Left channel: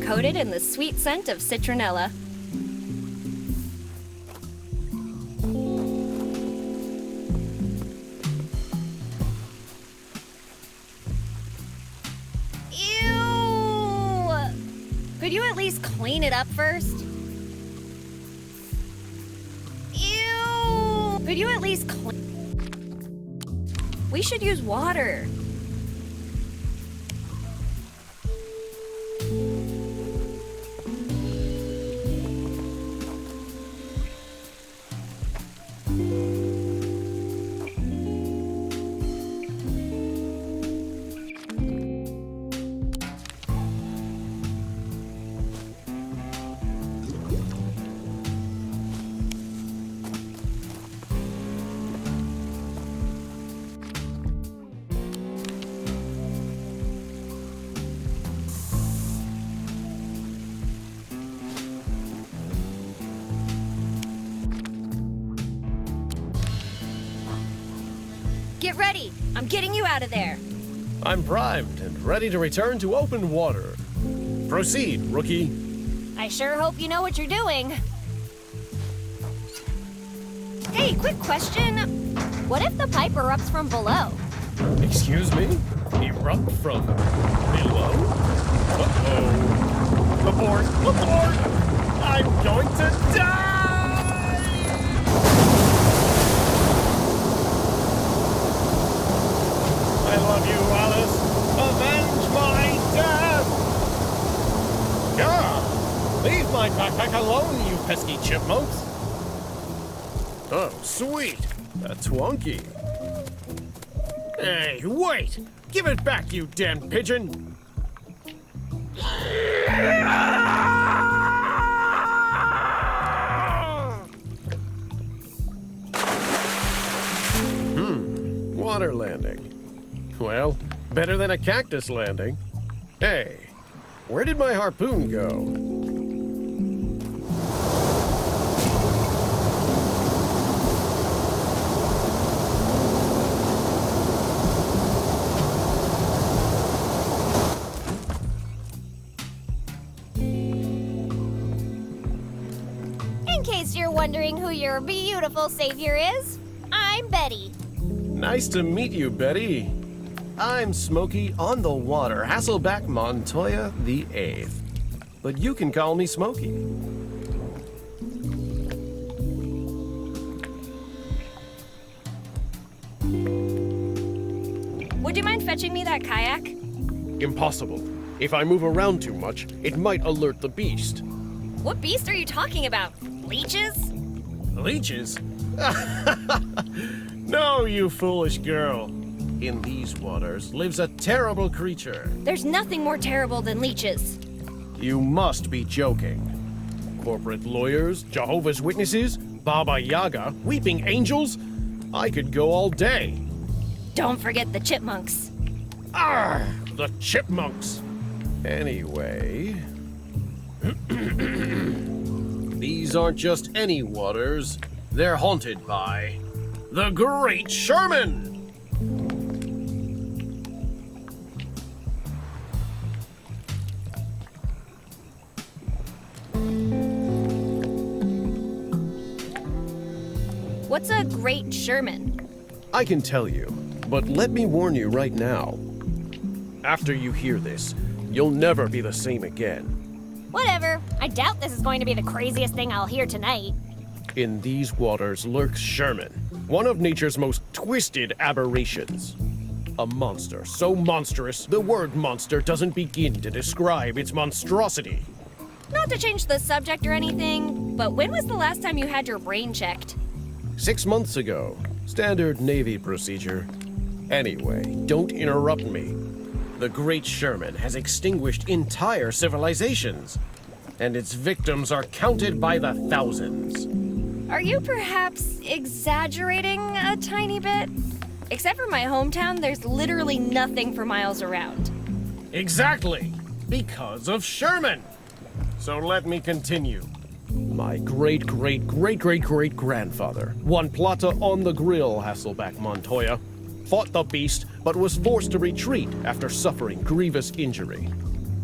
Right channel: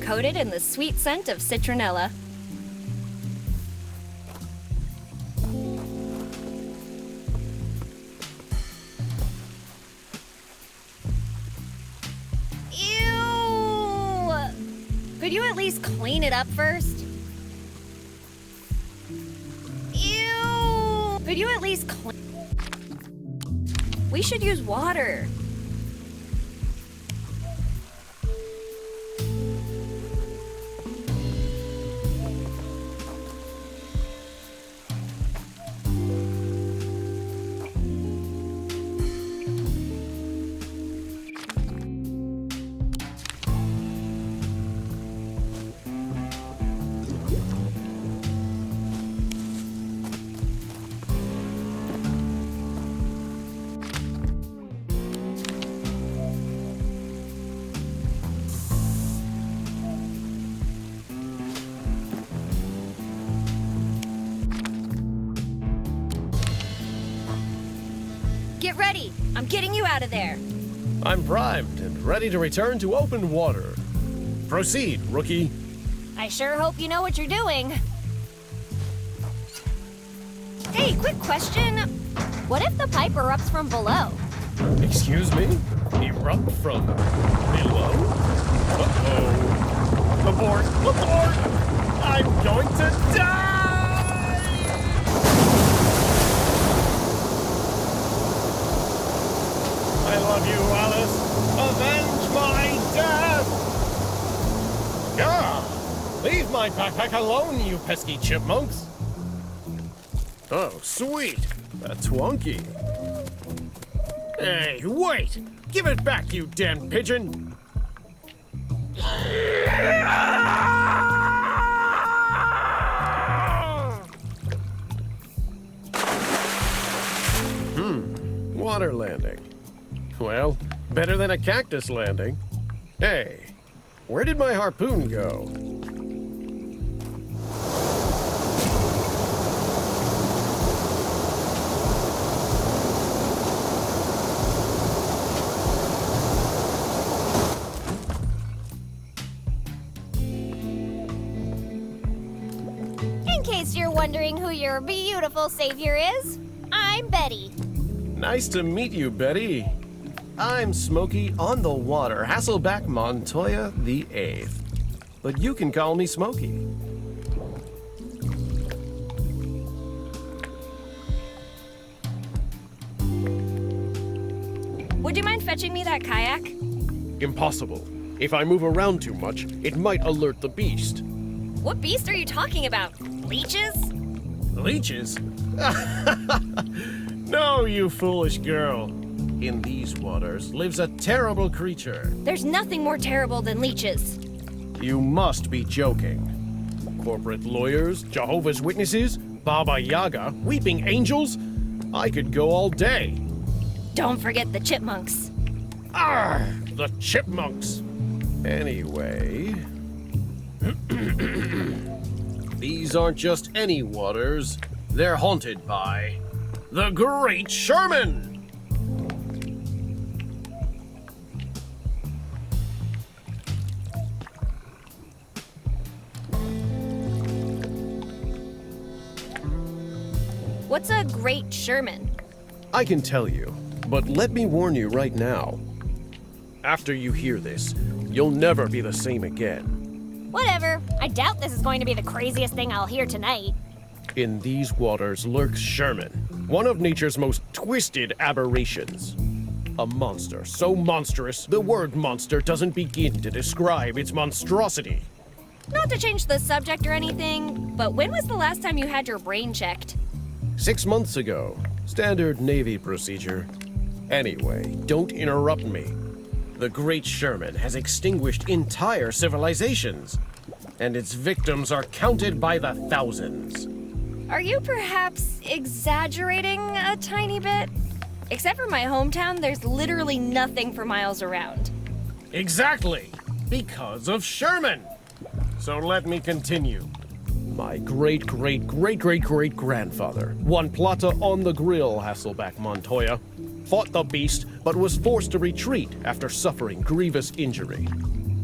Coated in the sweet scent of citronella. Ew! Could you at least clean it up first? Ew! Could you at least clean... We should use water. Get ready! I'm getting you out of there! I'm primed and ready to return to open water. Proceed, rookie. I sure hope you know what you're doing. Hey, quick question. What if the pipe erupts from below? Excuse me? Erupt from below? Uh-oh. Abort! Abort! I'm going to die! I love you, Alice. Avenge my death! Gah! Leave my backpack alone, you pesky chipmunks! Oh, sweet! That's wonky. Hey, wait! Give it back, you damn pigeon! Water landing. Well, better than a cactus landing. Hey, where did my harpoon go? In case you're wondering who your beautiful savior is, I'm Betty. Nice to meet you, Betty. I'm Smokey on the Water, Hasselback Montoya the 8th. But you can call me Smokey. Would you mind fetching me that kayak? Impossible. If I move around too much, it might alert the beast. What beast are you talking about? Leeches? Leeches? No, you foolish girl. In these waters lives a terrible creature. There's nothing more terrible than leeches. You must be joking. Corporate lawyers, Jehovah's Witnesses, Baba Yaga, weeping angels? I could go all day. Don't forget the chipmunks. Arr! The chipmunks! Anyway... These aren't just any waters. They're haunted by... the Great Sherman! What's a Great Sherman? I can tell you, but let me warn you right now. After you hear this, you'll never be the same again. Whatever. I doubt this is going to be the craziest thing I'll hear tonight. In these waters lurks Sherman, one of nature's most twisted aberrations. A monster so monstrous, the word monster doesn't begin to describe its monstrosity. Not to change the subject or anything, but when was the last time you had your brain checked? 6 months ago. Standard Navy procedure. Anyway, don't interrupt me. The Great Sherman has extinguished entire civilizations, and its victims are counted by the thousands. Are you perhaps exaggerating a tiny bit? Except for my hometown, there's literally nothing for miles around. Exactly! Because of Sherman! So let me continue. My great-great-great-great-great-grandfather, Juan Plata on the Grill Hasselback Montoya, fought the beast but was forced to retreat after suffering grievous injury.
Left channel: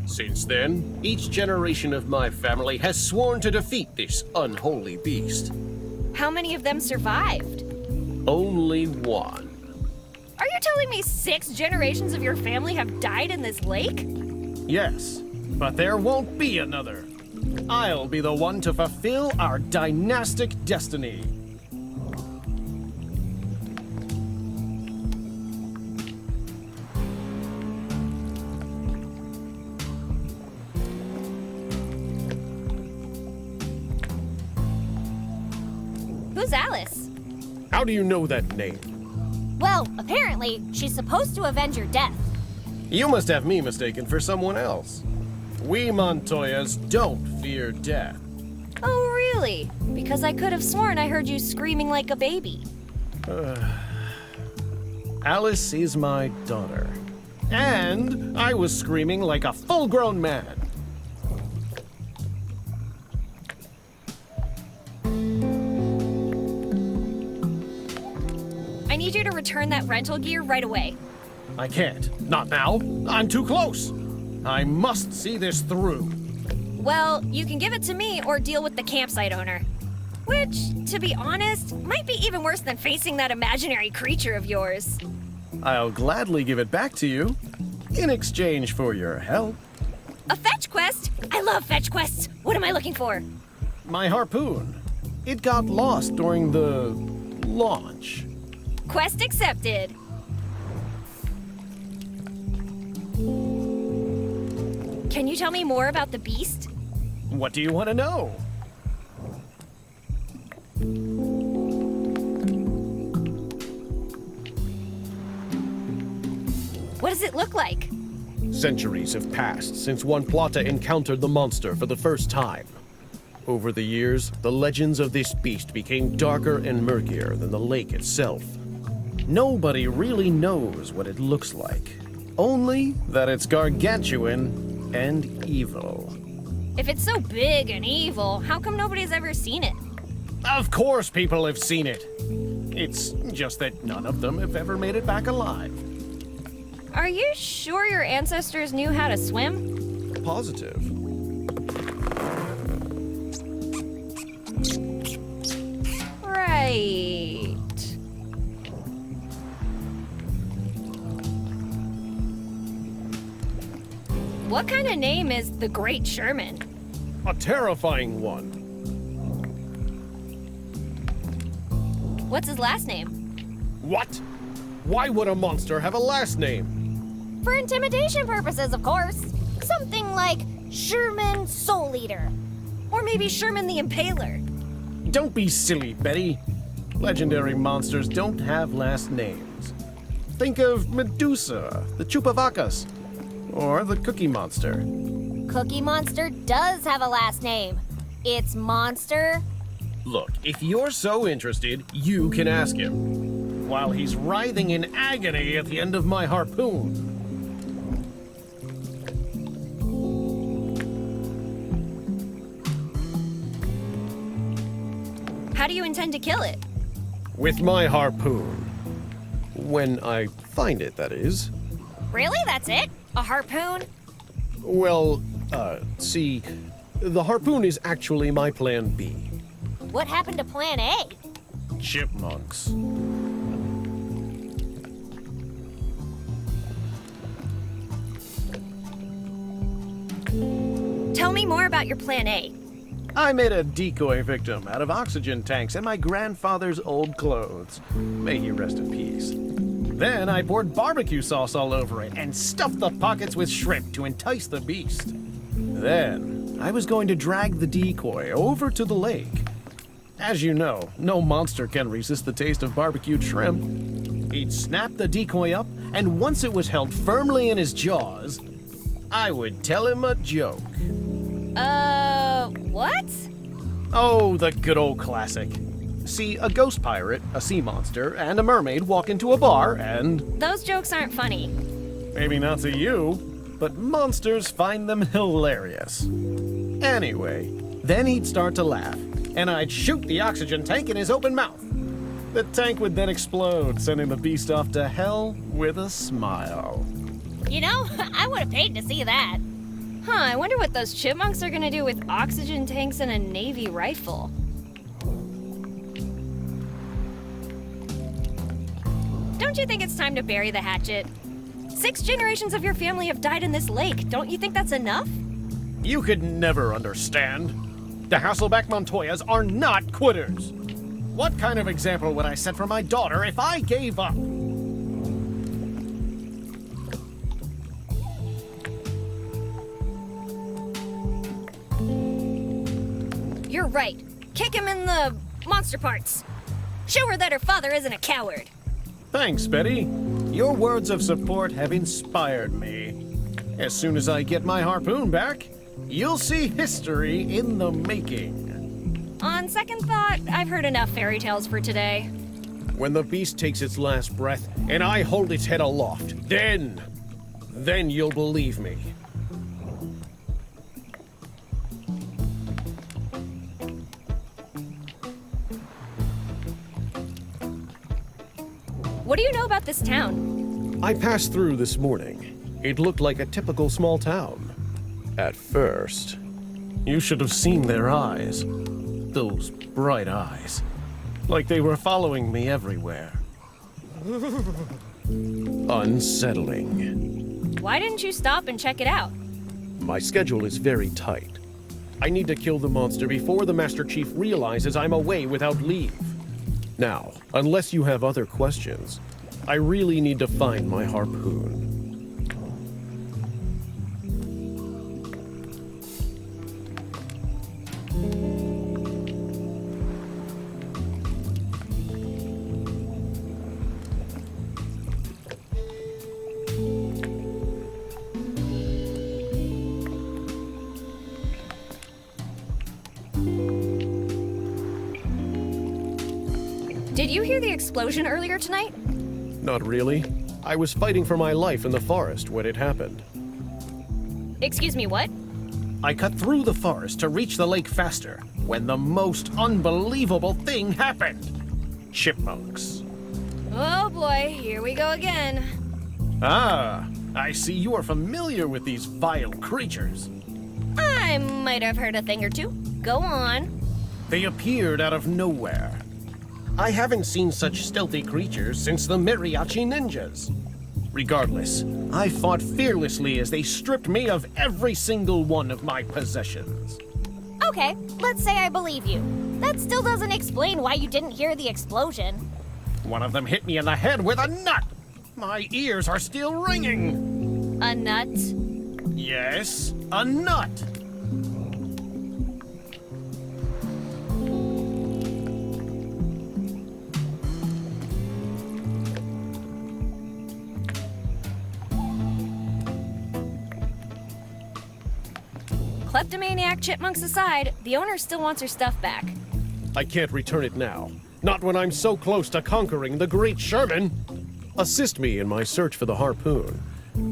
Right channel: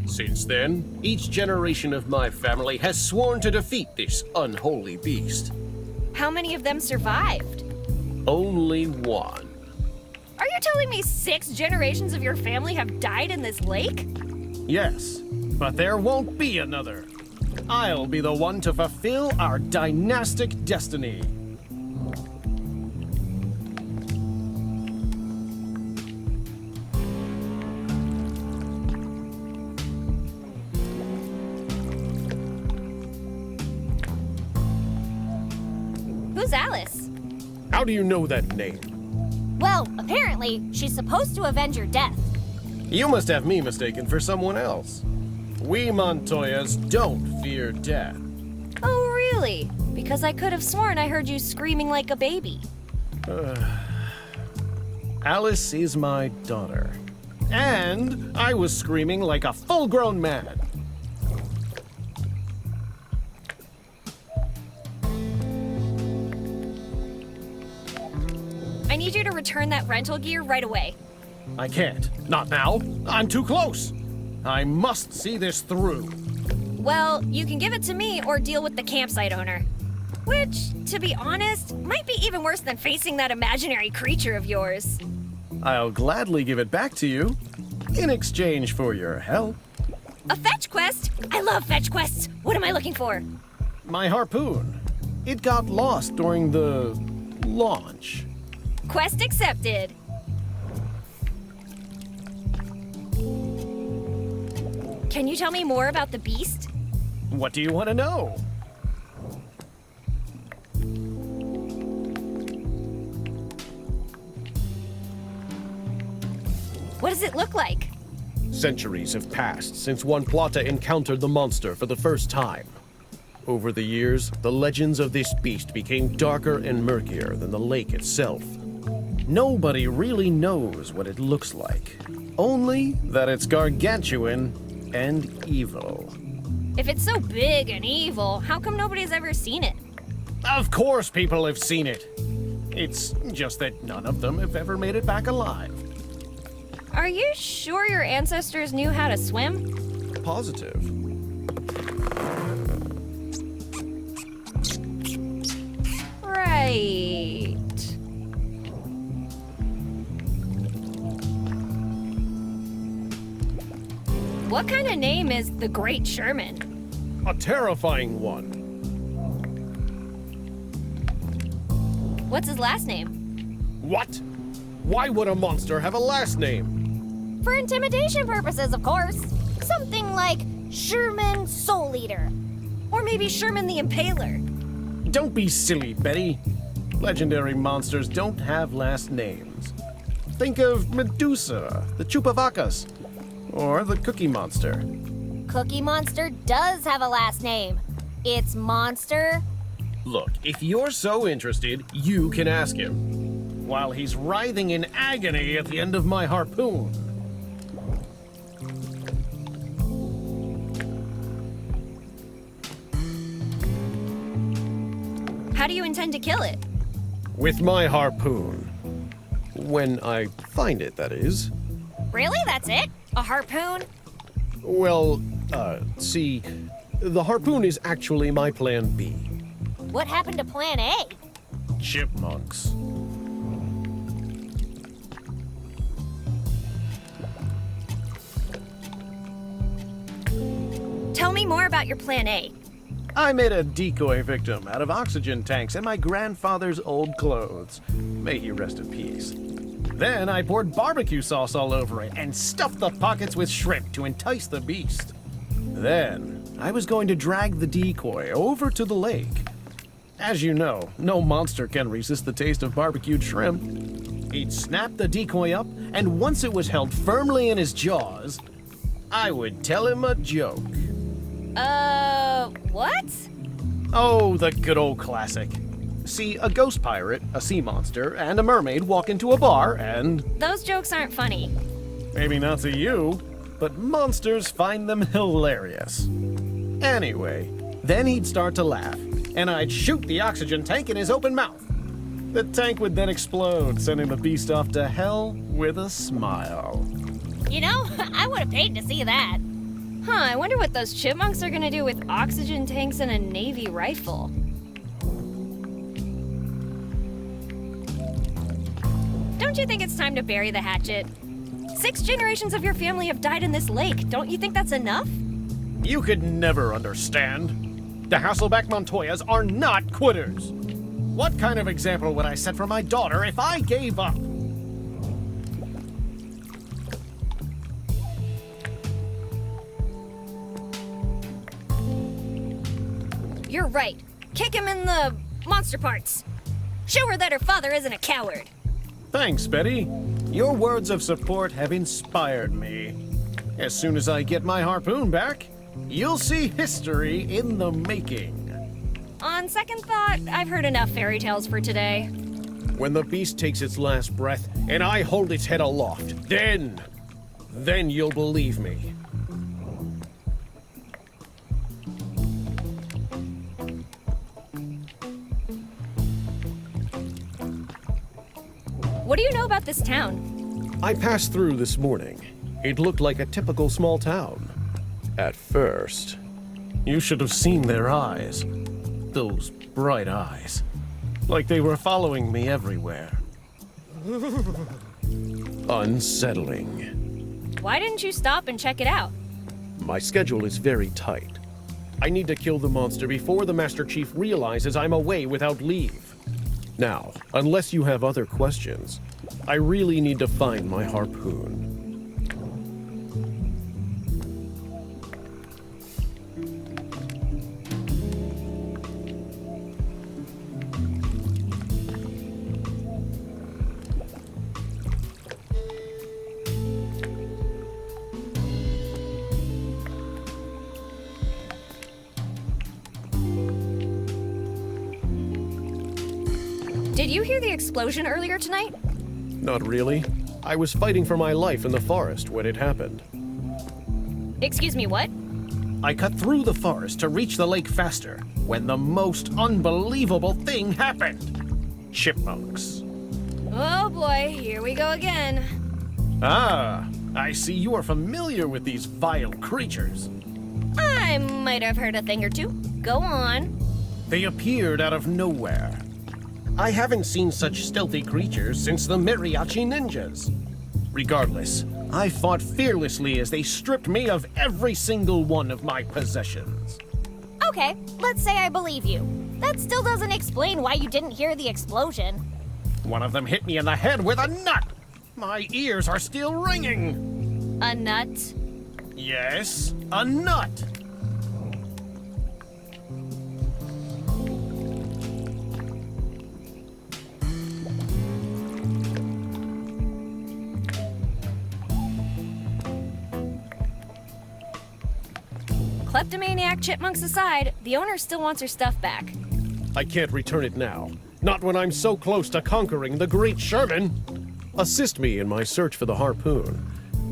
Since then, each generation of my family has sworn to defeat this unholy beast. How many of them survived? Only one. Are you telling me 6 generations of your family have died in this lake? Yes, but there won't be another. I'll be the one to fulfill our dynastic destiny. Who's Alice? How do you know that name? Well, apparently, she's supposed to avenge your death. You must have me mistaken for someone else. We Montoyas don't fear death. Oh, really? Because I could have sworn I heard you screaming like a baby. Alice is my daughter. And I was screaming like a full-grown man. I need you to return that rental gear right away. I can't. Not now. I'm too close. I must see this through. Well, you can give it to me or deal with the campsite owner. Which, to be honest, might be even worse than facing that imaginary creature of yours. I'll gladly give it back to you in exchange for your help. A fetch quest? I love fetch quests. What am I looking for? My harpoon. It got lost during the launch. Quest accepted. Can you tell me more about the beast? What do you want to know? What does it look like? Centuries have passed since Juan Plata encountered the monster for the first time. Over the years, the legends of this beast became darker and murkier than the lake itself. Nobody really knows what it looks like, only that it's gargantuan and evil. If it's so big and evil, how come nobody's ever seen it? Of course people have seen it. It's just that none of them have ever made it back alive. Are you sure your ancestors knew how to swim? Positive. Right. What kind of name is the Great Sherman? A terrifying one. What's his last name? What? Why would a monster have a last name? For intimidation purposes, of course. Something like Sherman Soul Eater. Or maybe Sherman the Impaler. Don't be silly, Betty. Legendary monsters don't have last names. Think of Medusa, the Chupavacas, or the Cookie Monster. Cookie Monster does have a last name. It's Monster. Look, if you're so interested, you can ask him. While he's writhing in agony at the end of my harpoon. How do you intend to kill it? With my harpoon. When I find it, that is. Really? That's it? A harpoon? Well, see, the harpoon is actually my plan B. What happened to Plan A? Chipmunks. Tell me more about your Plan A. I made a decoy victim out of oxygen tanks and my grandfather's old clothes. May he rest in peace. Then I poured barbecue sauce all over it and stuffed the pockets with shrimp to entice the beast. Then I was going to drag the decoy over to the lake. As you know, no monster can resist the taste of barbecued shrimp. He'd snap the decoy up, and once it was held firmly in his jaws, I would tell him a joke. What? Oh, the good old classic. See a ghost pirate, a sea monster, and a mermaid walk into a bar and... Those jokes aren't funny. Maybe not to you, but monsters find them hilarious. Anyway, then he'd start to laugh, and I'd shoot the oxygen tank in his open mouth. The tank would then explode, sending the beast off to hell with a smile. You know, I would have paid to see that. Huh, I wonder what those chipmunks are gonna do with oxygen tanks and a Navy rifle. Don't you think it's time to bury the hatchet? 6 generations of your family have died in this lake. Don't you think that's enough? You could never understand. The Hasselback Montoyas are not quitters. What kind of example would I set for my daughter if I gave up? You're right. Kick him in the monster parts. Show her that her father isn't a coward. Thanks, Betty. Your words of support have inspired me. As soon as I get my harpoon back, you'll see history in the making. On second thought, I've heard enough fairy tales for today. When the beast takes its last breath and I hold its head aloft, then you'll believe me. What do you know about this town? I passed through this morning. It looked like a typical small town. At first. You should have seen their eyes. Those bright eyes. Like they were following me everywhere. Unsettling. Why didn't you stop and check it out? My schedule is very tight. I need to kill the monster before the Master Chief realizes I'm away without leave. Now, unless you have other questions, I really need to find my harpoon. Did you hear the explosion earlier tonight? Not really. I was fighting for my life in the forest when it happened. Excuse me, what? I cut through the forest to reach the lake faster when the most unbelievable thing happened. Chipmunks. Oh boy, here we go again. Ah, I see you are familiar with these vile creatures. I might have heard a thing or two. Go on. They appeared out of nowhere. I haven't seen such stealthy creatures since the Mariachi Ninjas. Regardless, I fought fearlessly as they stripped me of every single one of my possessions. Okay, let's say I believe you. That still doesn't explain why you didn't hear the explosion. One of them hit me in the head with a nut. My ears are still ringing. A nut? Yes, a nut. Kleptomaniac chipmunks aside, the owner still wants her stuff back. I can't return it now. Not when I'm so close to conquering the Great Sherman. Assist me in my search for the harpoon,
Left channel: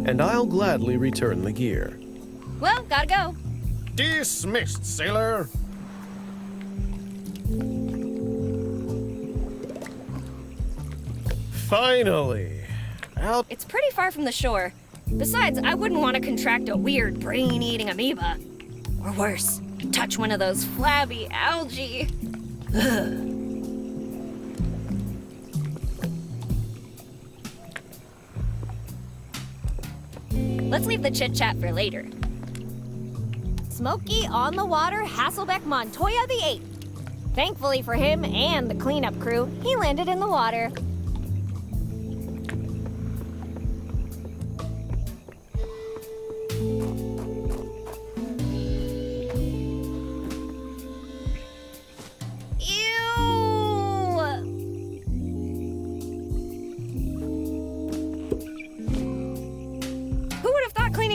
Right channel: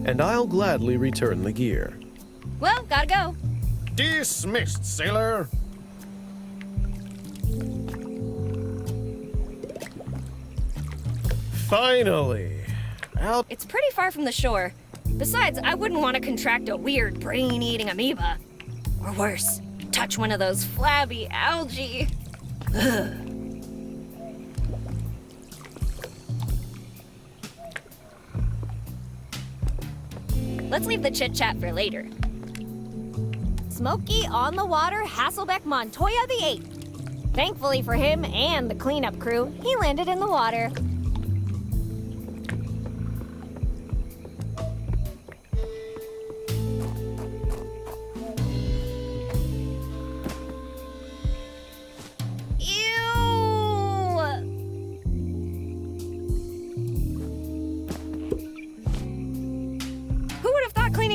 and I'll gladly return the gear. Well, gotta go. Dismissed, sailor. Finally. Out. It's pretty far from the shore. Besides, I wouldn't want to contract a weird brain-eating amoeba. Or worse, touch one of those flabby algae. Ugh. Let's leave the chit-chat for later. Smokey on the water, Hasselbeck Montoya the 8th. Thankfully for him and the cleanup crew, he landed in the water.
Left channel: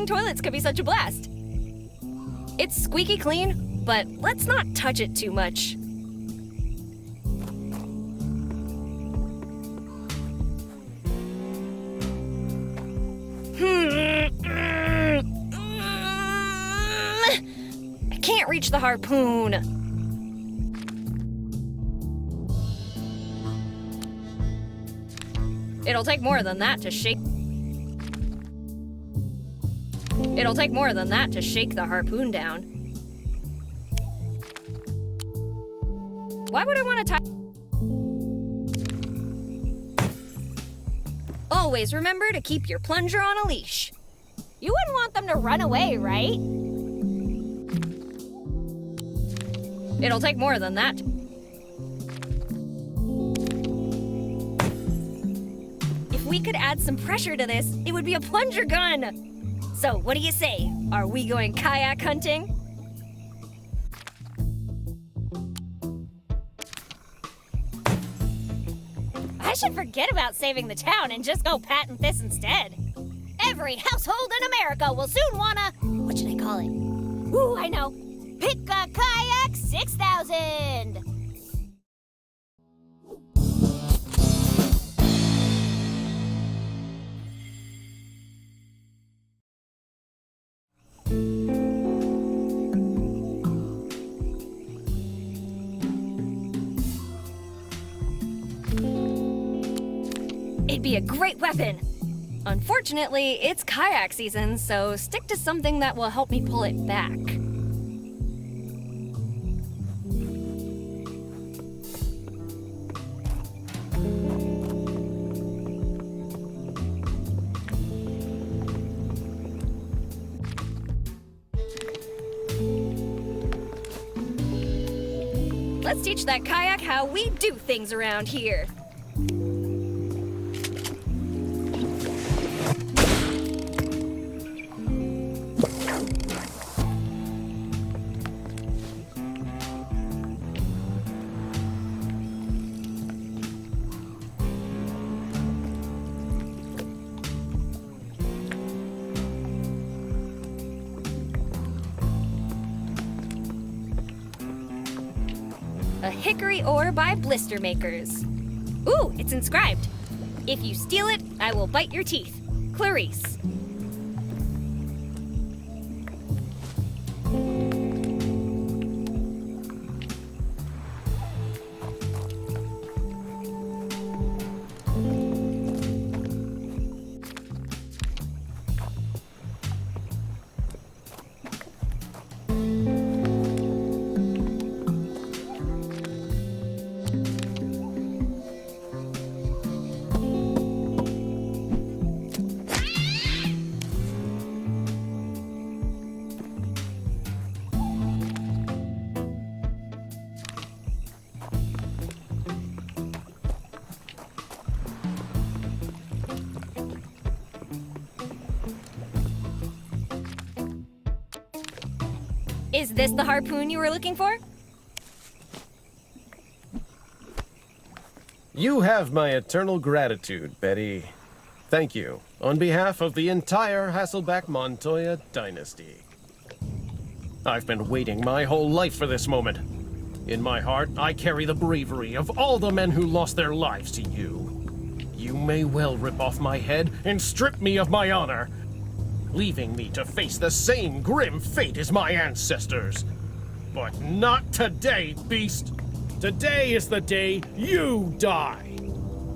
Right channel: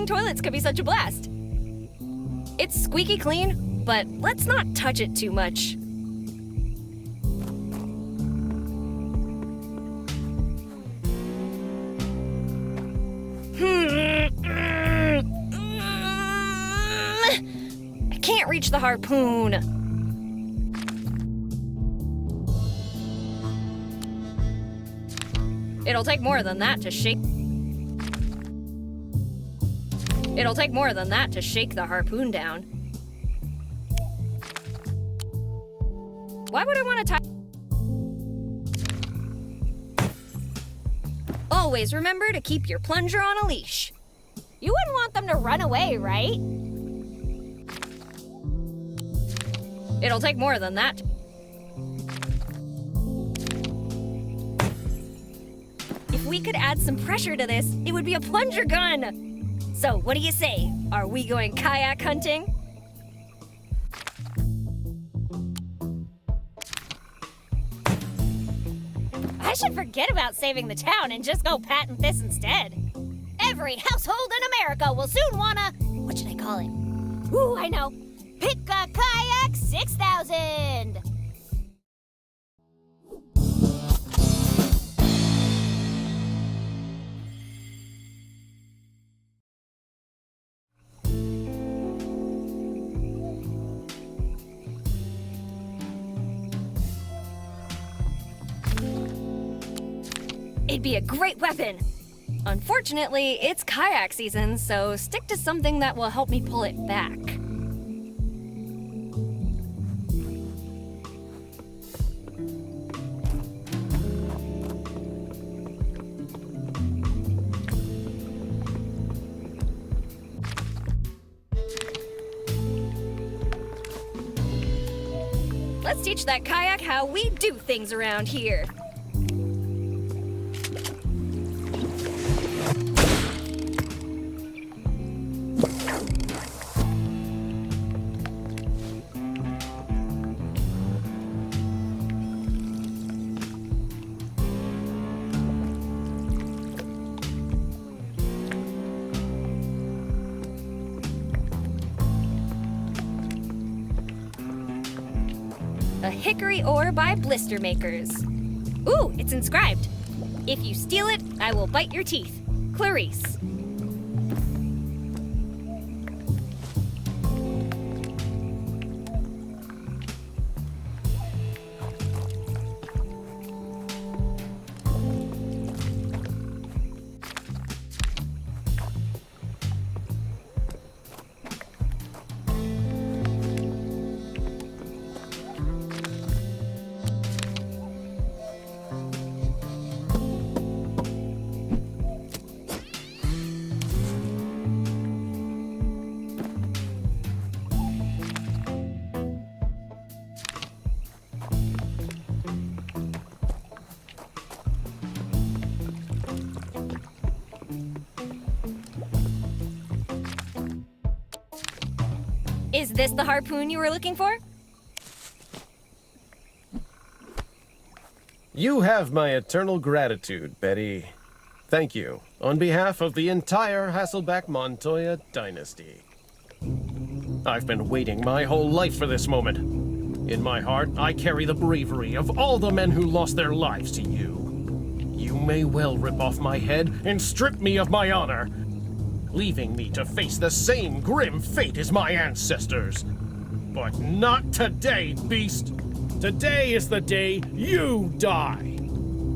Toilets could be such a blast. It's squeaky clean, but let's not touch it too much. teach the harpoon. It'll take more than that to shake. It'll take more than that to shake the harpoon down. Why would I want to tie? Always remember to keep your plunger on a leash. You wouldn't want them to run away, right? It'll take more than that. If we could add some pressure to this, it would be a plunger gun. So, what do you say? Are we going kayak hunting? I should forget about saving the town and just go patent this instead. Every household in America will soon wanna... What should I call it? Ooh, I know. Pick a Kayak 6000! It'd be a great weapon. Unfortunately, it's kayak season, so stick to something that will help me pull it back. Let's teach that kayak how we do things around here. A hickory ore by Blister Makers. Ooh, it's inscribed. If you steal it, I will bite your teeth. Clarice. Is this the harpoon you were looking for? You have my eternal gratitude, Betty. Thank you, on behalf of the entire Hasselback Montoya dynasty. I've been waiting my whole life for this moment. In my heart, I carry the bravery of all the men who lost their lives to you. You may well rip off my head and strip me of my honor, leaving me to face the same grim fate as my ancestors. But not today, beast. Today is the day you die.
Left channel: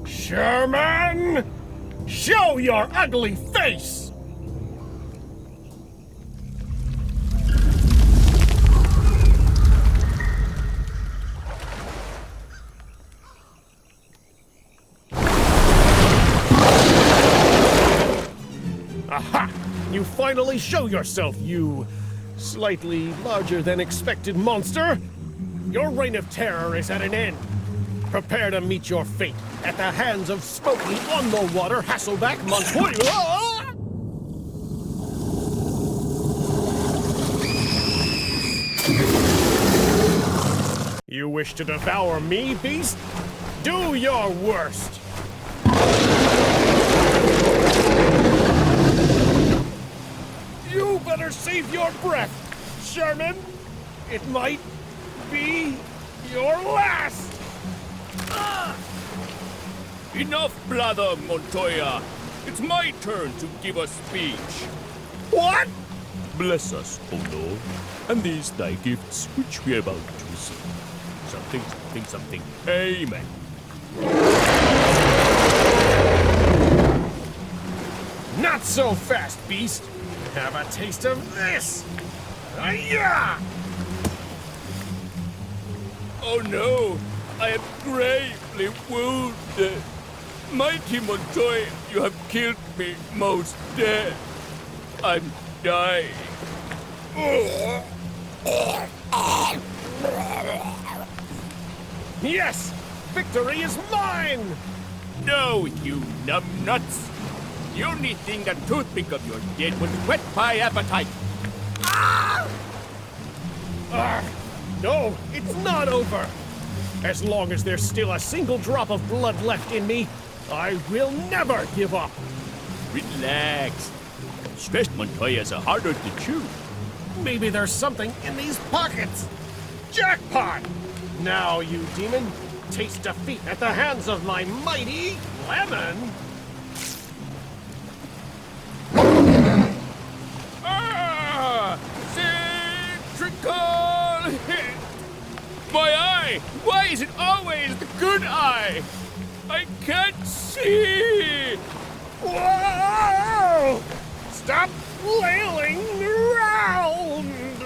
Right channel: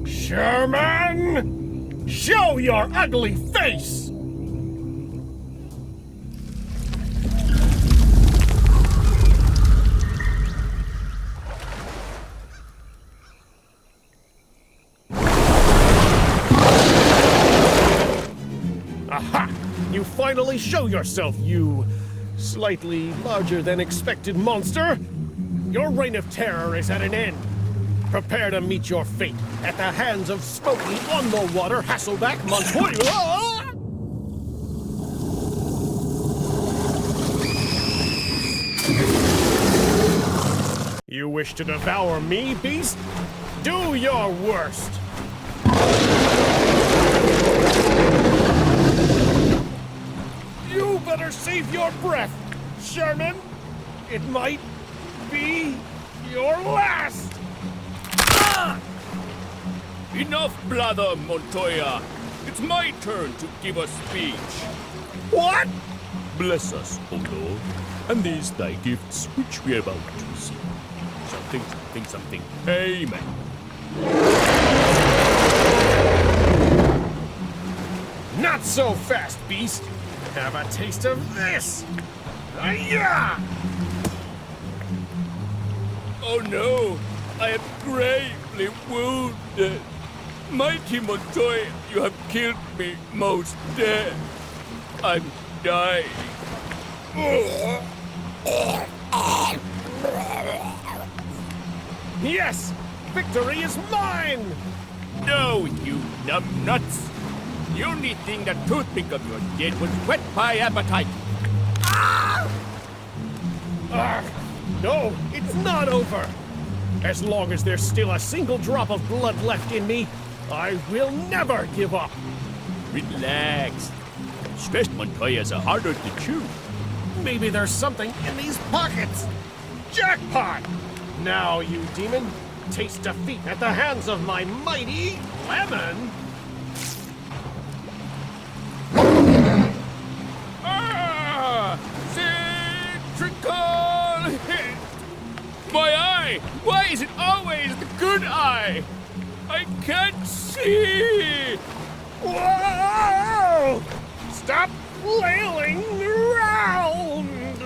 Sherman! Show your ugly face! Aha! You finally show yourself, you slightly larger than expected monster! Your reign of terror is at an end. Prepare to meet your fate at the hands of Smokey on the water Hasselback Montoya! You wish to devour me, beast? Do your worst! You better save your breath, Sherman. It might be your last. Enough blather, Montoya. It's my turn to give a speech. What? Bless us, O Lord. and these thy gifts which we are about to receive. Something, something, something. Amen. Not so fast, beast! Have a taste of this! Hi-ya! Oh no, I am gravely wounded. Mighty Montoya, you have killed me most dead. I'm dying. Yes! Victory is mine! No, you numbnuts. The only thing that toothpick of yours did was whet my appetite. No, it's not over! As long as there's still a single drop of blood left in me, I will never give up! Relax. Stressed Montoyas are harder to chew. Maybe there's something in these pockets! Jackpot! Now, you demon, taste defeat at the hands of my mighty lemon! Ah! Citrical hit! My eye! Why is it always the good eye? I can't see! Whoa! Stop flailing around!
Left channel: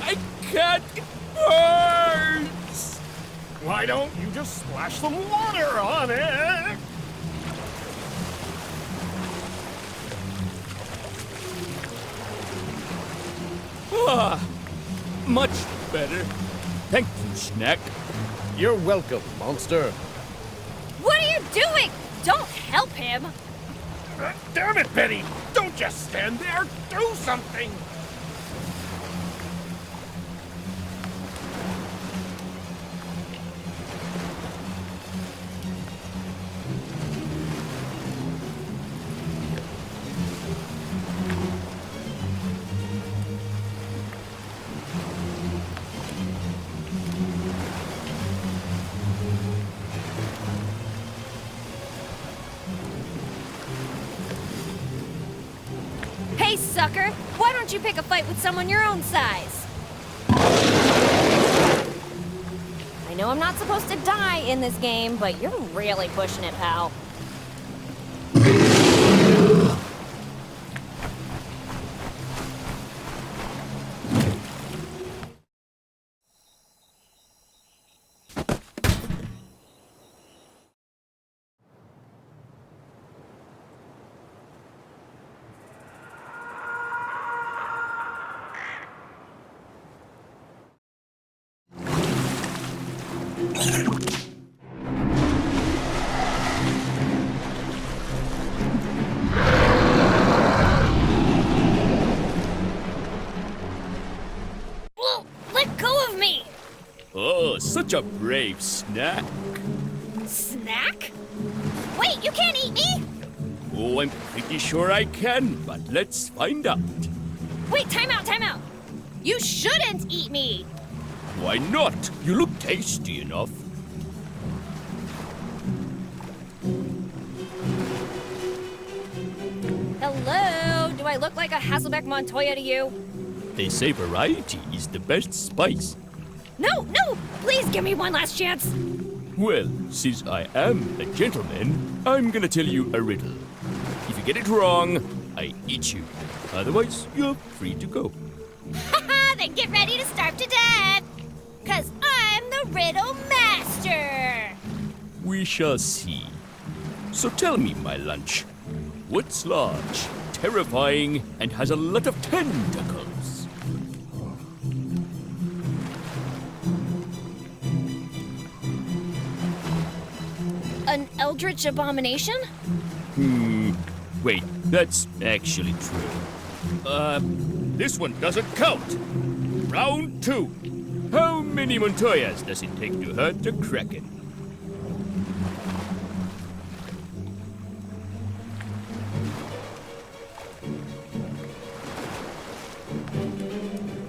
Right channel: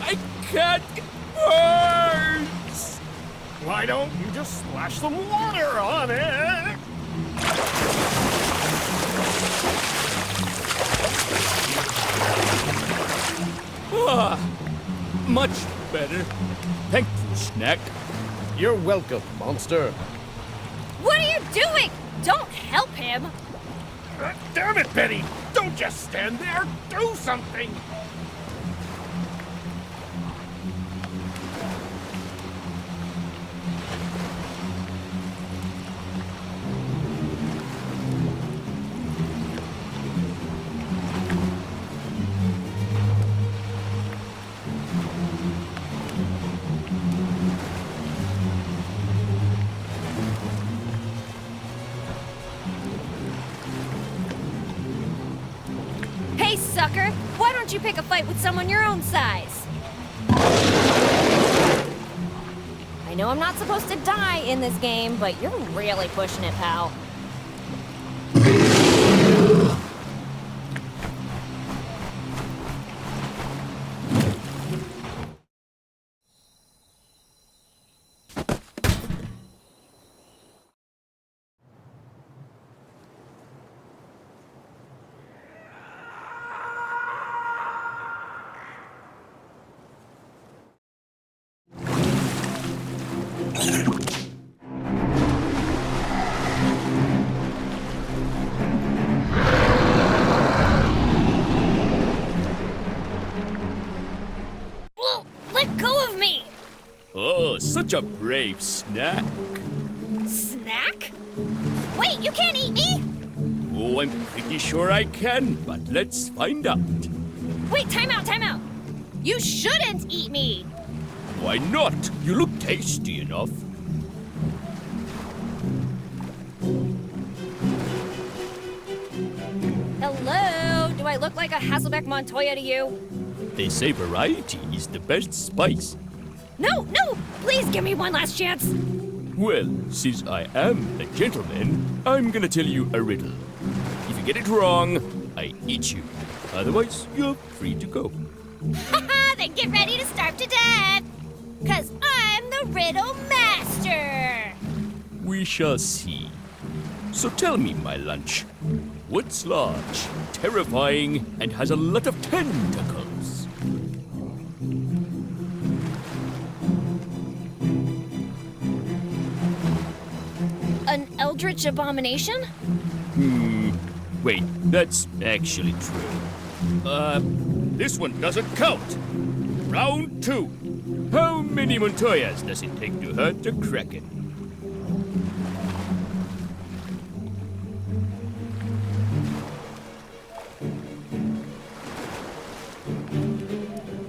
I can't! It burns! Why don't you just splash some water on it? Ah! Much better. Thank you, Snack. You're welcome, monster. What are you doing? Don't help him. Damn it, Betty! Don't just stand there! Do something! Hey, sucker! Why don't you pick a fight with someone your own size? I know I'm not supposed to die in this game, but you're really pushing it, pal. Whoa, let go of me! Oh, such a brave Snack. Snack? Wait, you can't eat me? Oh, I'm pretty sure I can, but let's find out. Wait, time out, time out. You shouldn't eat me. Why not? You look tasty enough. Hello? Do I look like a Hasselbeck Montoya to you? They say variety is the best spice. No, no! Please give me one last chance. Well, since I am a gentleman, I'm gonna tell you a riddle. If you get it wrong, I eat you. Otherwise, you're free to go. Haha, then get ready to starve to death. 'Cause I'm the riddle master. We shall see. So tell me, my lunch, what's large, terrifying, and has a lot of tentacles? An eldritch abomination? Wait, that's actually true. This one doesn't count. Round 2. How many Montoyas does it take to hurt a Kraken?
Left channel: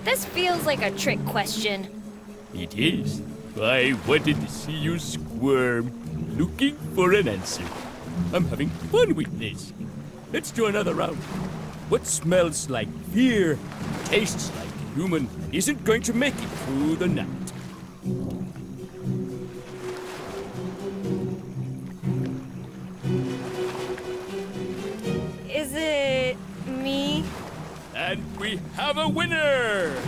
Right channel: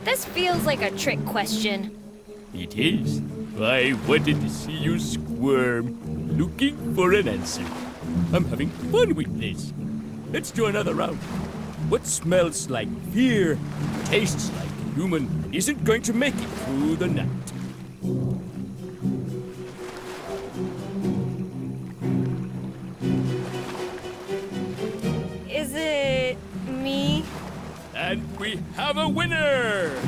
This feels like a trick question. It is. I wanted to see you squirm, looking for an answer. I'm having fun with this. Let's do another round. What smells like fear, tastes like human and isn't going to make it through the night. Is it me? And we have a winner!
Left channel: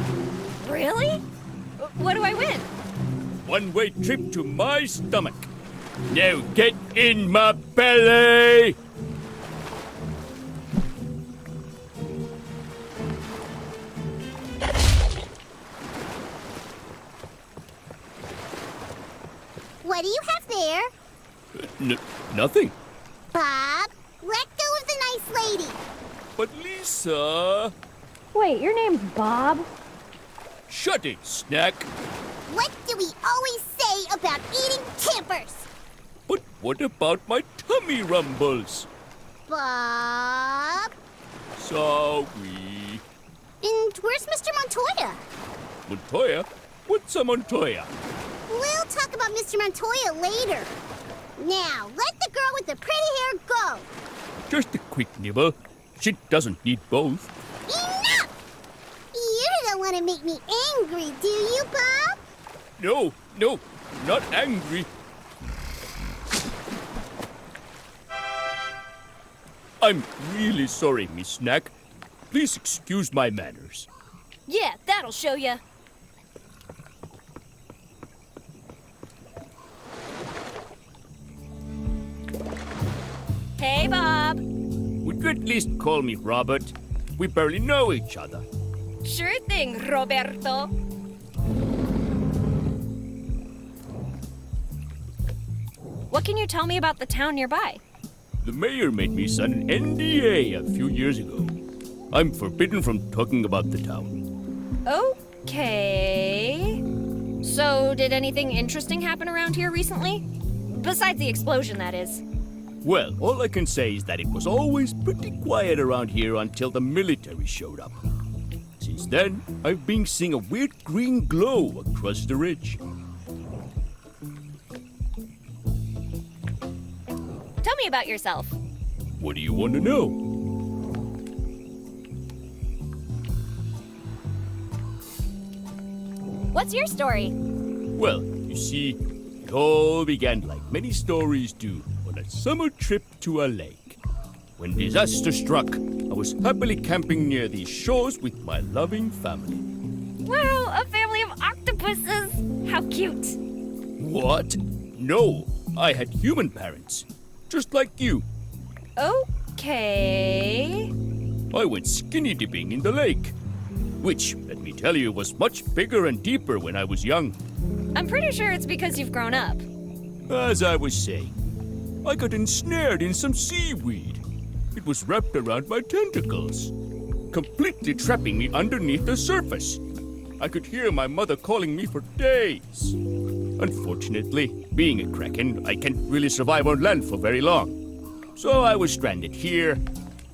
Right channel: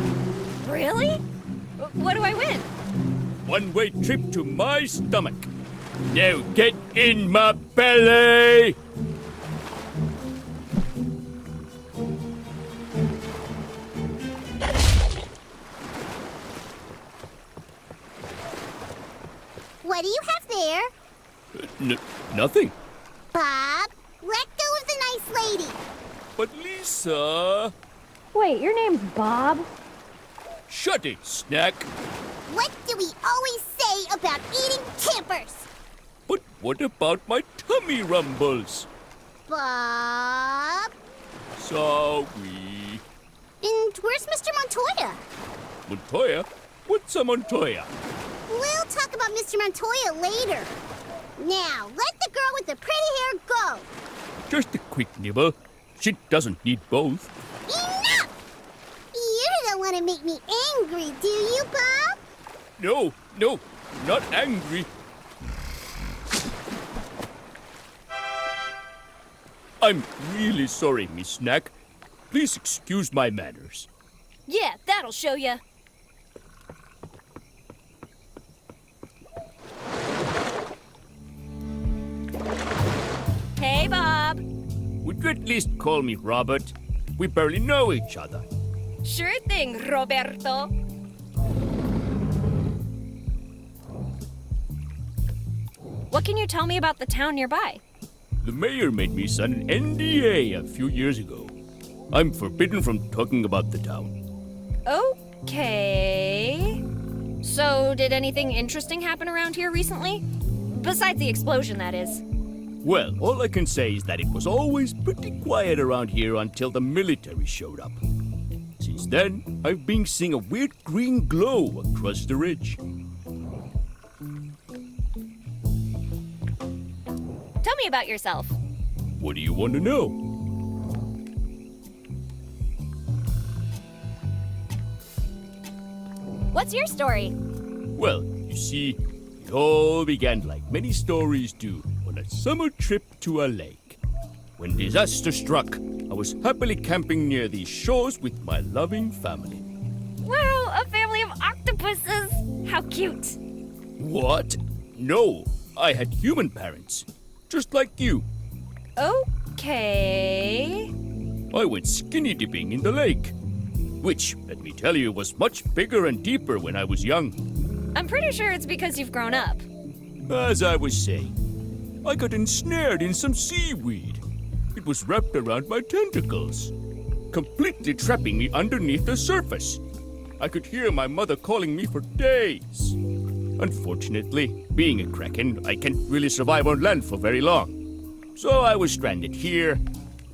Really? What do I win? One-way trip to my stomach. Now get in my belly! What do you have there? Nothing. Bob, let go of the nice lady. But Lisa... Wait, your name's Bob? Shut it, Snack. What do we always say about eating campers? But what about my tummy rumbles? Bob. Sorry. And where's Mr. Montoya? Montoya? What's a Montoya? We'll talk about Mr. Montoya later. Now, let the girl with the pretty hair go. Just a quick nibble. She doesn't need both. Enough! You don't want to make me angry, do you, Bob? No, not angry. I'm really sorry, Miss Snack. Please excuse my manners. Yeah, that'll show ya. Hey, Bob. Would you at least call me Robert? We barely know each other. Sure thing, Roberto. What can you tell me about the town nearby? The mayor made me sign an NDA a few years ago. I'm forbidden from talking about the town. Okay. So, did anything interesting happen around here recently? Besides the explosion, that is. Well, all I can say is that it was always pretty quiet around here until the military showed up. Since then, I've been seeing a weird green glow across the ridge. Tell me about yourself. What do you want to know? What's your story? Well, you see, it all began like many stories do on a summer trip to a lake. When disaster struck, I was happily camping near these shores with my loving family. Wow, a family of octopuses! How cute! What? No, I had human parents, just like you. Okay. I went skinny dipping in the lake, which, let me tell you, was much bigger and deeper when I was young. I'm pretty sure it's because you've grown up. As I was saying, I got ensnared in some seaweed. It was wrapped around my tentacles, completely trapping me underneath the surface. I could hear my mother calling me for days. Unfortunately, being a kraken, I can't really survive on land for very long. So I was stranded here,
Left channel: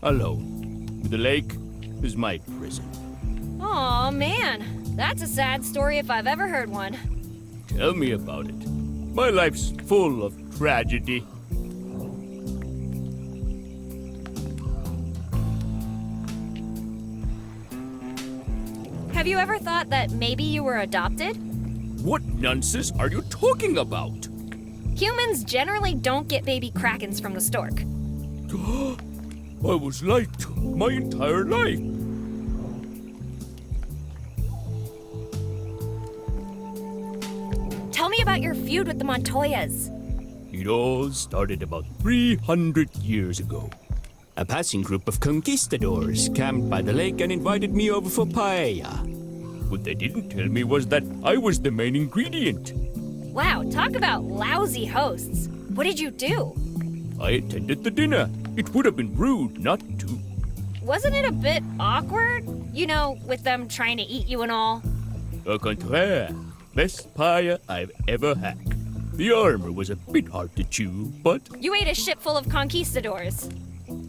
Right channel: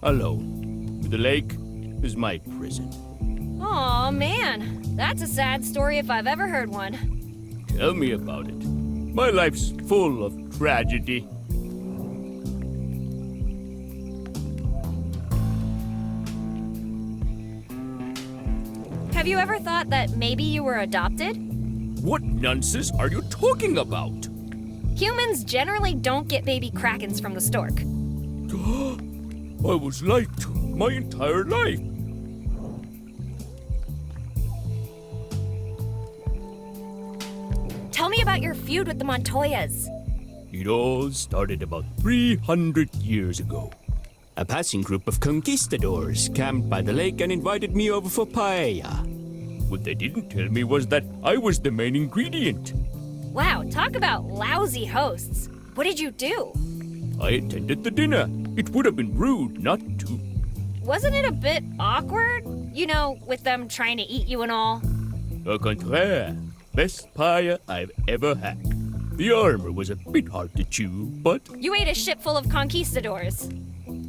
alone, with the lake as my prison. Aw, man. That's a sad story if I've ever heard one. Tell me about it. My life's full of tragedy. Have you ever thought that maybe you were adopted? What nonsense are you talking about? Humans generally don't get baby krakens from the stork. I was lied to my entire life. Tell me about your feud with the Montoyas. It all started about 300 years ago. A passing group of conquistadors camped by the lake and invited me over for paella. What they didn't tell me was that I was the main ingredient. Wow, talk about lousy hosts. What did you do? I attended the dinner. It would have been rude not to. Wasn't it a bit awkward? You know, with them trying to eat you and all? Au contraire, best paella I've ever had. The armor was a bit hard to chew, but, You ate a ship full of conquistadors.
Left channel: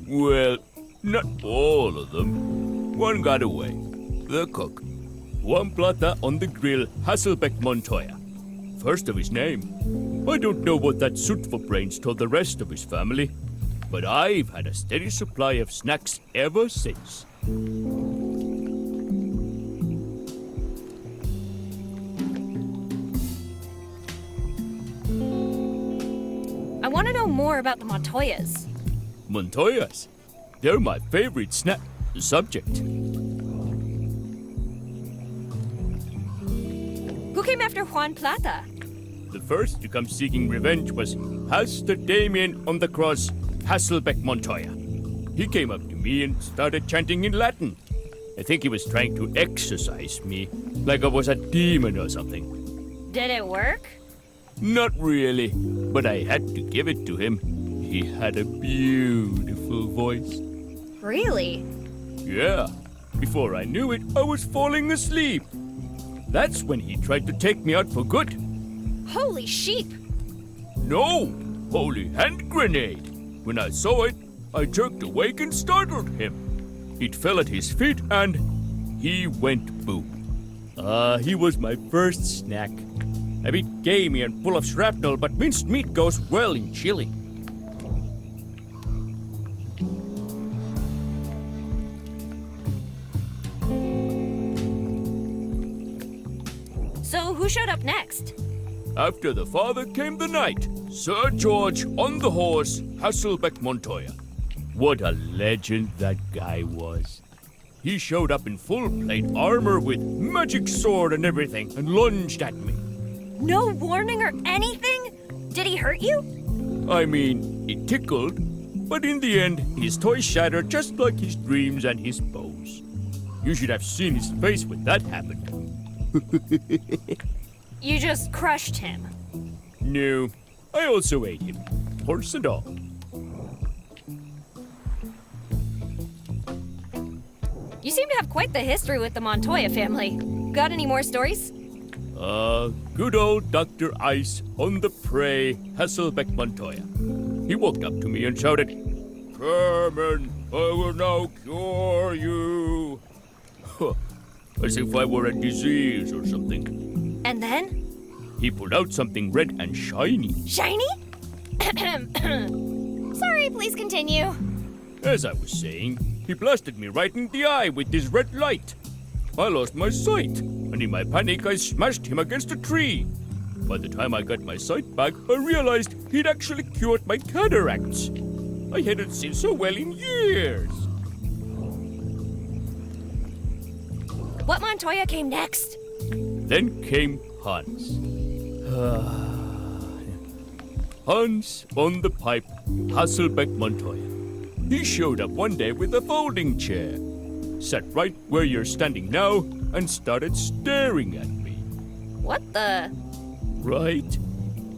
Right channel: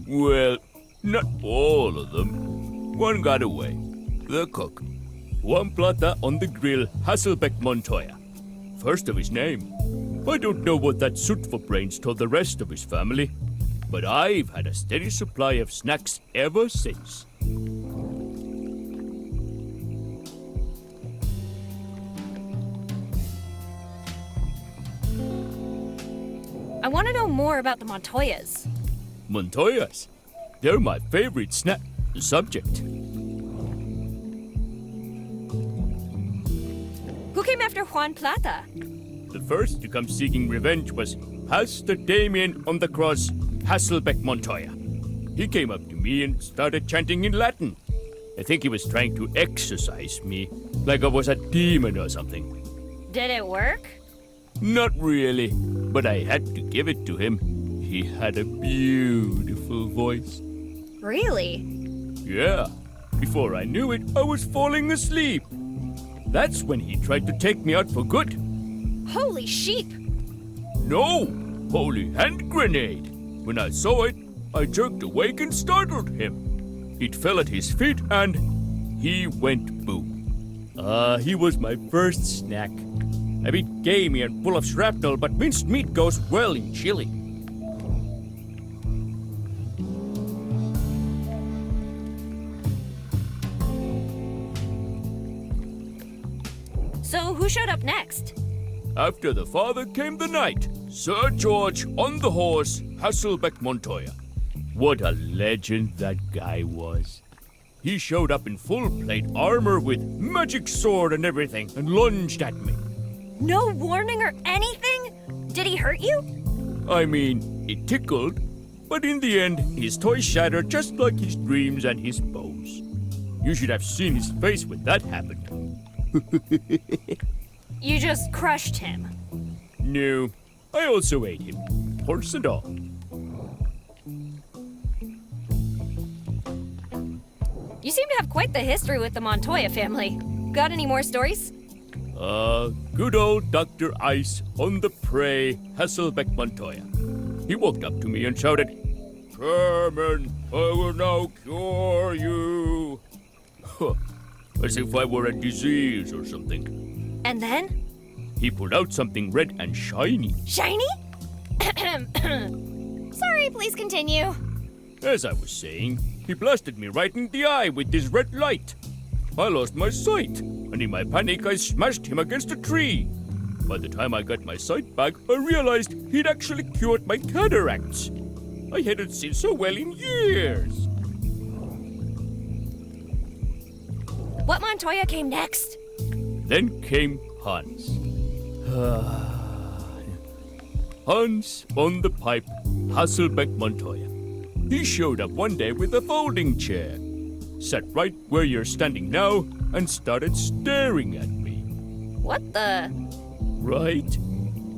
well, not all of them. One got away. The cook. Juan Plata on the grill, Hasselbeck Montoya. First of his name. I don't know what that suit for brains told the rest of his family, but I've had a steady supply of snacks ever since. I want to know more about the Montoyas. Montoyas. They're my favorite subject. Who came after Juan Plata? The first to come seeking revenge was Pastor Damien on the Cross Hasselbeck Montoya. He came up to me and started chanting in Latin. I think he was trying to exorcise me, like I was a demon or something. Did it work? Not really, but I had to give it to him. He had a beautiful voice. Really? Yeah. Before I knew it, I was falling asleep. That's when he tried to take me out for good. Holy sheep! No! Holy hand grenade! When I saw it, I jerked awake and startled him. It fell at his feet and he went boom. He was my first snack. A bit gamey and full of shrapnel, but minced meat goes well in chili. So who showed up next? After the father came the knight, Sir George on the horse, Hasselbeck Montoya. What a legend that guy was. He showed up in full plate armor with magic sword and everything and lunged at me. No warning or anything? Did he hurt you? I mean, it tickled, but in the end, his toy shattered just like his dreams and his bows. You should have seen his face when that happened. You just crushed him. No, I also ate him, horse and all. You seem to have quite the history with the Montoya family. Got any more stories? Good old Dr. Ice on the prey, Hasselbeck Montoya. He walked up to me and shouted, "Sherman, I will now cure you." As if I were a disease or something. And then? He pulled out something red and shiny. Shiny? Sorry, please continue. As I was saying, he blasted me right in the eye with this red light. I lost my sight, and in my panic I smashed him against a tree. By the time I got my sight back, I realized he'd actually cured my cataracts. I hadn't seen so well in years. What Montoya came next? Then came Hans. Hans on the pipe, Hasselbeck Montoya. He showed up one day with a folding chair, sat right where you're standing now, and started staring at me. What the? Right?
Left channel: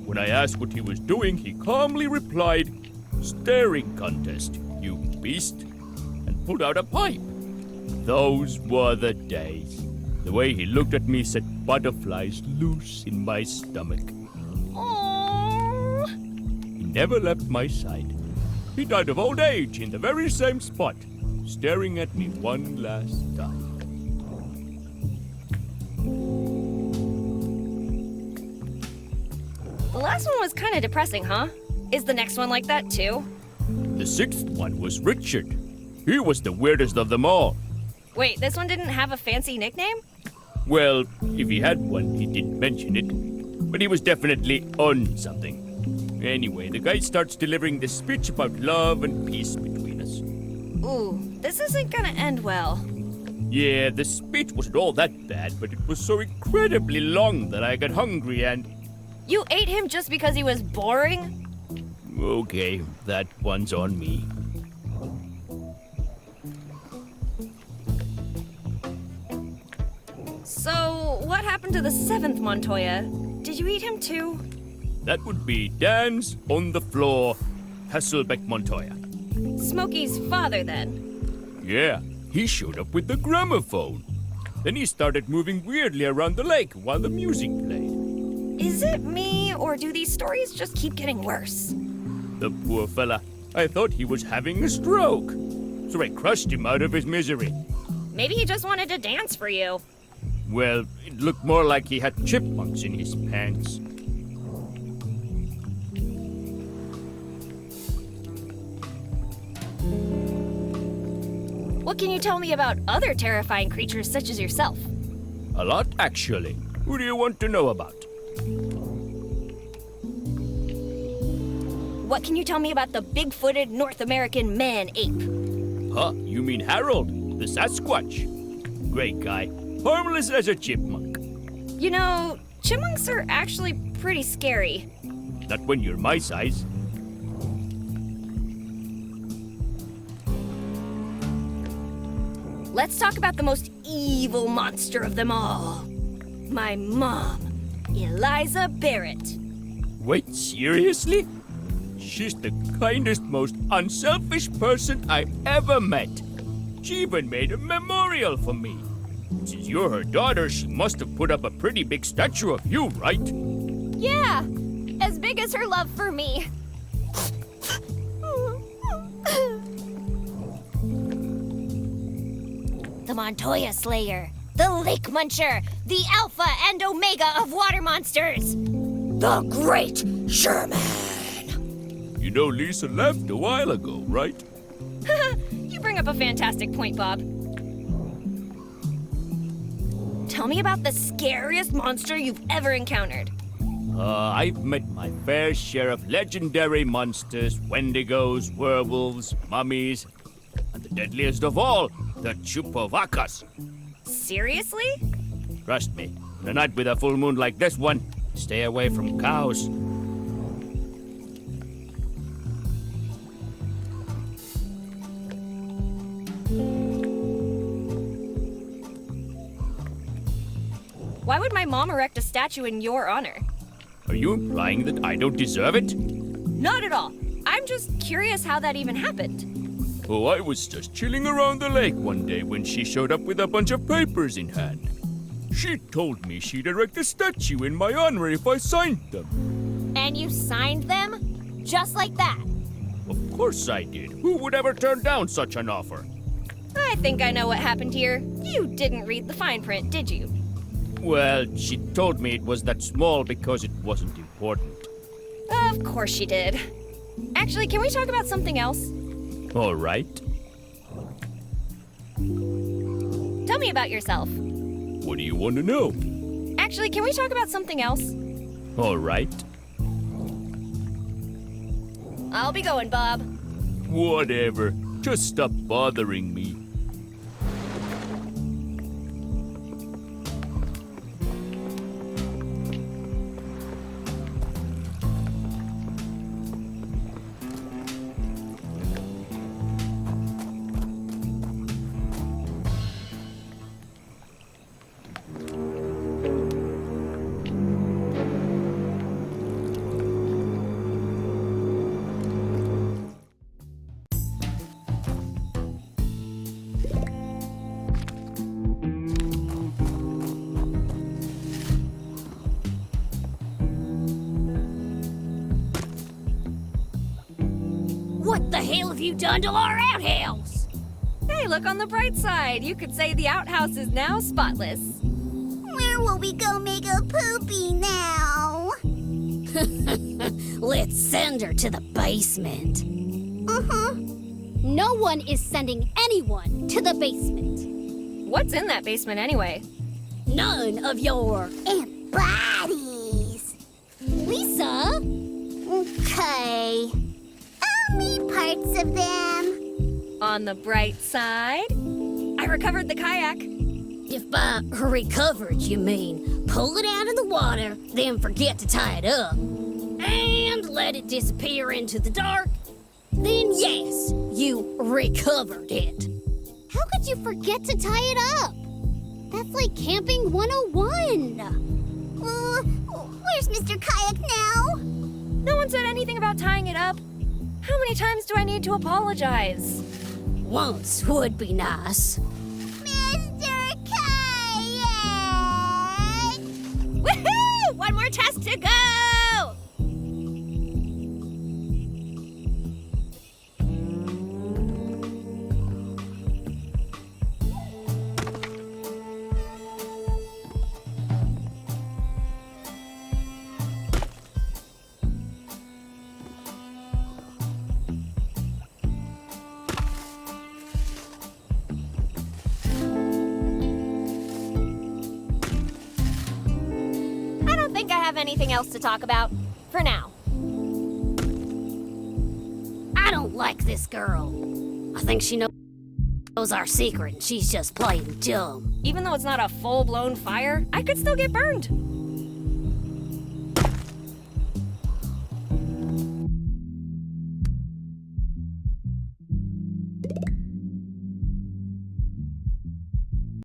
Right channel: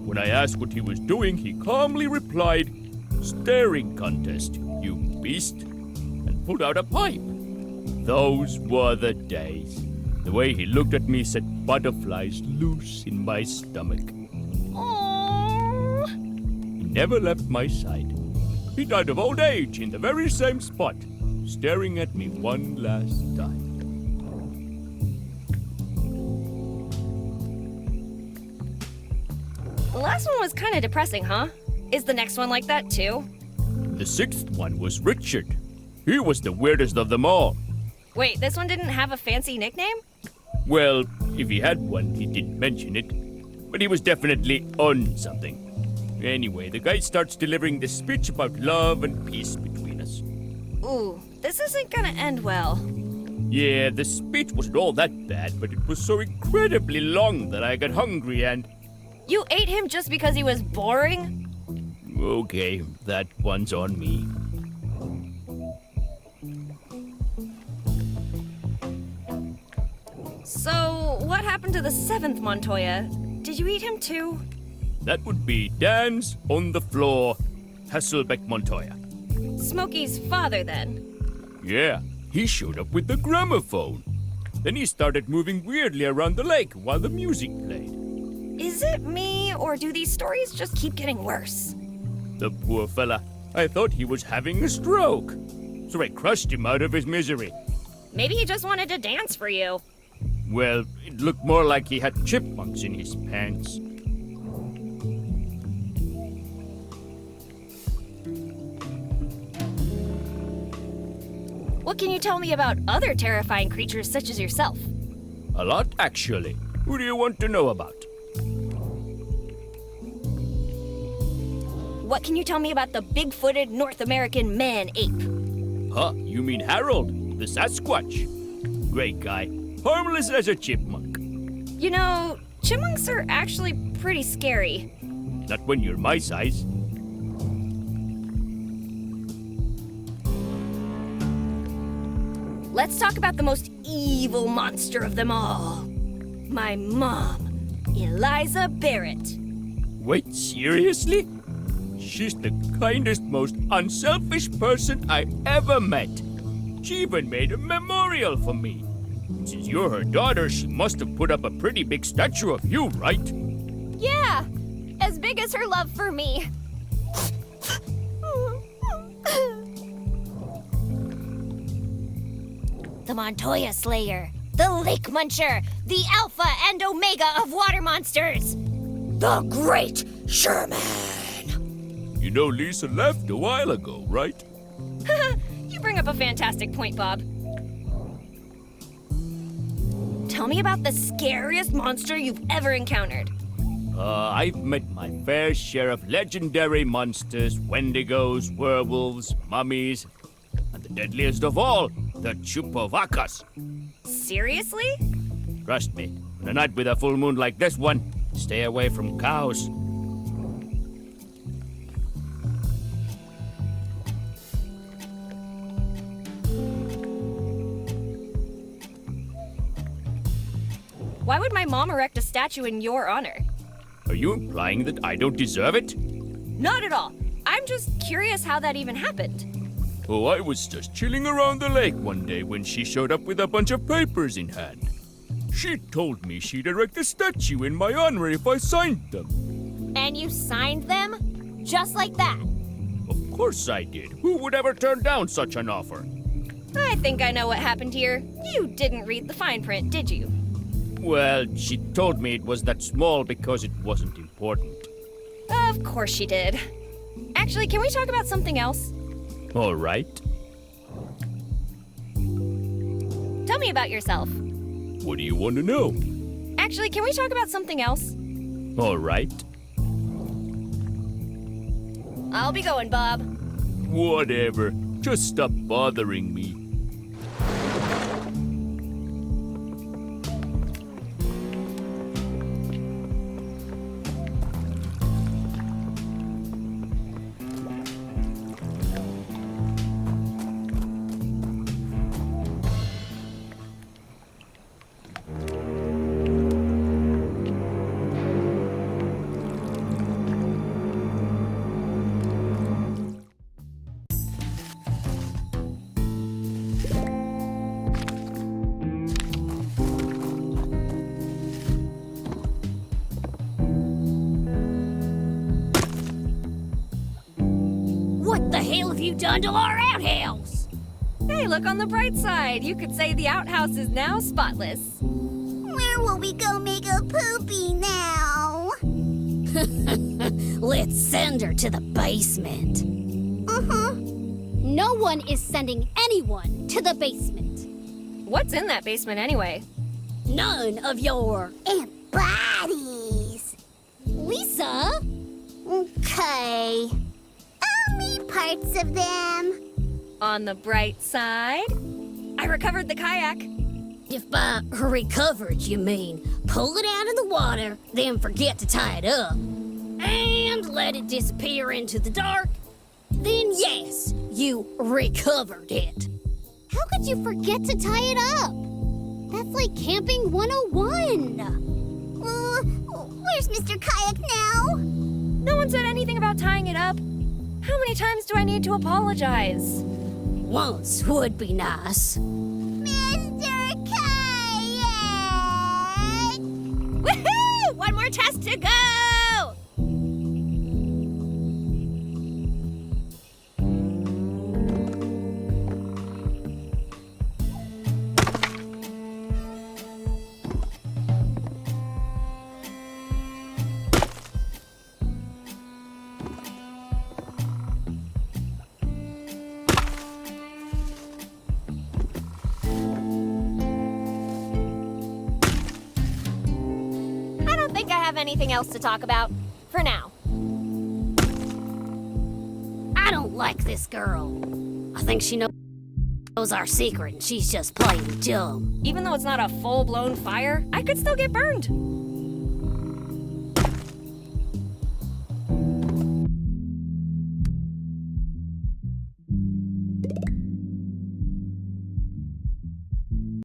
When I asked what he was doing, he calmly replied, "Staring contest, you beast," and pulled out a pipe. Those were the days. The way he looked at me set butterflies loose in my stomach. Aww. He never left my side. He died of old age in the very same spot, staring at me one last time. The last one was kind of depressing, huh? Is the next one like that too? The sixth one was Richard. He was the weirdest of them all. Wait, this one didn't have a fancy nickname? Well, if he had one, he didn't mention it. But he was definitely on something. Anyway, the guy starts delivering this speech about love and peace between us. Ooh, this isn't gonna end well. Yeah, the speech wasn't all that bad, but it was so incredibly long that I got hungry and... You ate him just because he was boring? Okay, that one's on me. So, what happened to the seventh Montoya? Did you eat him too? That would be Dan's on the floor, Hasselbeck Montoya. Smokey's father, then. Yeah, he showed up with the gramophone. Then he started moving weirdly around the lake while the music played. Is it me, or do these stories just keep getting worse? The poor fella. I thought he was having a stroke. So I crushed him out of his misery. Maybe he just wanted to dance for you. Well, it looked more like he had chipmunks in his pants. What can you tell me about other terrifying creatures such as yourself? A lot, actually. Who do you want to know about? what can you tell me about the big-footed North American man-ape? Huh? You mean Harold, the Sasquatch? Great guy. Harmless as a chipmunk. You know, chipmunks are actually pretty scary. Not when you're my size. Let's talk about the most evil monster of them all. My mom, Eliza Barrett. Wait, seriously? She's the kindest, most unselfish person I ever met. She even made a memorial for me. Since you're her daughter, she must have put up a pretty big statue of you, right? Yeah, as big as her love for me. The Montoya Slayer, the Lake Muncher, the Alpha and Omega of water monsters, the Great Sherman. You know Lisa left a while ago, right? You bring up a fantastic point, Bob. Tell me about the scariest monster you've ever encountered. I've met my fair share of legendary monsters, wendigos, werewolves, mummies, and the deadliest of all, the Chupacabras. Seriously? Trust me, on a night with a full moon like this one, stay away from cows. Why would my mom erect a statue in your honor? Are you implying that I don't deserve it? Not at all. I'm just curious how that even happened. Oh, I was just chilling around the lake one day when she showed up with a bunch of papers in hand. She told me she'd erect a statue in my honor if I signed them. And you signed them? Just like that? Of course I did. Who would ever turn down such an offer? I think I know what happened here. You didn't read the fine print, did you? Well, she told me it was that small because it wasn't important. Of course she did. Actually, can we talk about something else? All right. Tell me about yourself. What do you want to know? Actually, can we talk about something else? All right. I'll be going, Bob. Whatever. Just stop bothering me. What the hell have you done to our outhouse? Hey, look on the bright side. You could say the outhouse is now spotless. Where will we go make a poopy now? Let's send her to the basement. Uh-huh. No one is sending anyone to the basement. What's in that basement anyway? None of your... And bodies. Lisa? Okay. I'll meet parts of them. On the bright side, I recovered the kayak. If by recovered you mean pull it out of the water, then forget to tie it up, and let it disappear into the dark, then yes, you recovered it. How could you forget to tie it up? That's like camping 101. Where's Mr. Kayak now? No one said anything about tying it up. How many times do I need to apologize? Once would be nice. Mr. Kayak! Woohoo! One more test to go! I don't think I have anything else to talk about. For now. I don't like this girl. I think she knows our secret and she's just playing dumb. Even though it's not a full-blown fire, I could still get burned.